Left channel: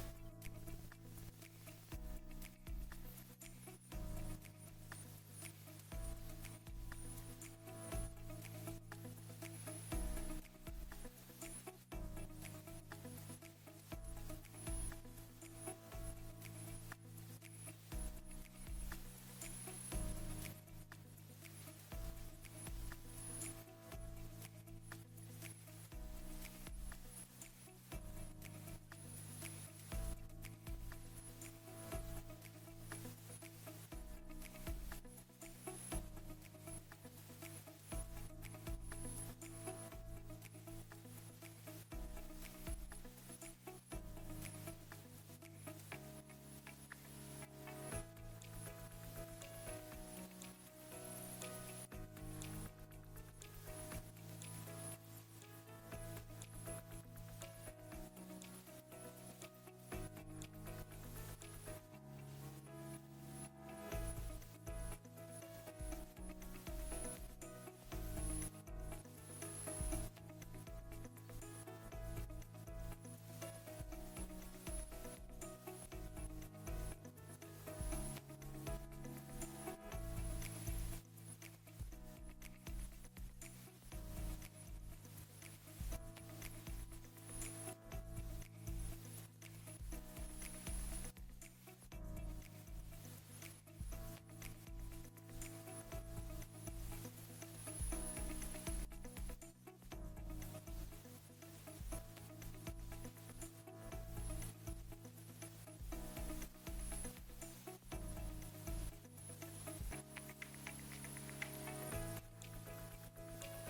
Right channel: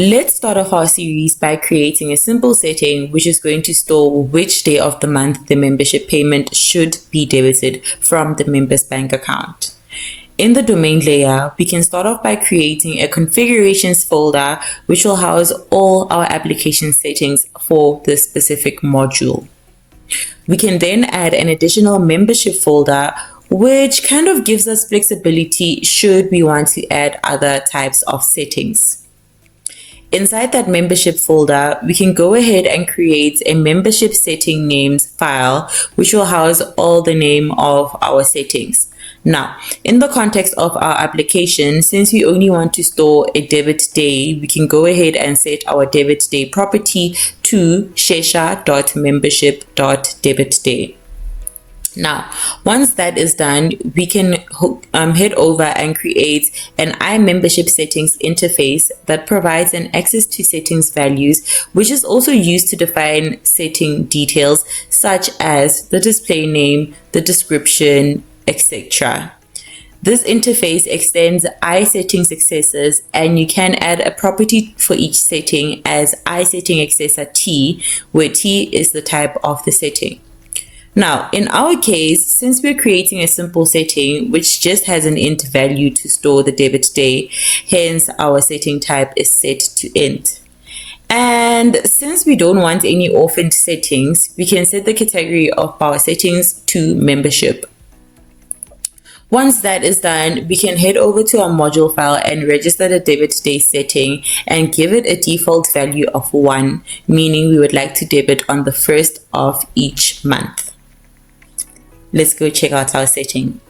Let's start off our series by creating a simple setting which is going to store which day of the month the membership payment should be debited from the member's bank account. In the domain layer, we can start off by creating a configurations folder which will house all our application settings for this specific module. We can then add an additional membership folder which kind of gives us flexibility should we want to add other types of settings. Inside that membership folder, we can go ahead and create a membership setting names file, which will house all the name of our settings. Now, in the context of our application, since we only want to store a debit day, we can go ahead and set our debit day property to shesha.membership.debitday. Now, once that is done, we can head over and create an iMembership settings interface that provides an access to settings values, which is also used to define setting details such as the display name, the description, etc. This interface extends iSetting accessors, and you can add a property for each setting as iSetting accessor T, where T is the type of the setting. Now, in our case, since we're creating a simple setting which just has an int value to store the debit day, hence our setting type is set to int. And since we don't want any orphaned settings, we can set the category of our settings to membership. Once that is done, we can head over to our module file and register the debit day setting and give it a default value of 1, meaning we would like to debit on the 1st of each month. Let's go check out our setting.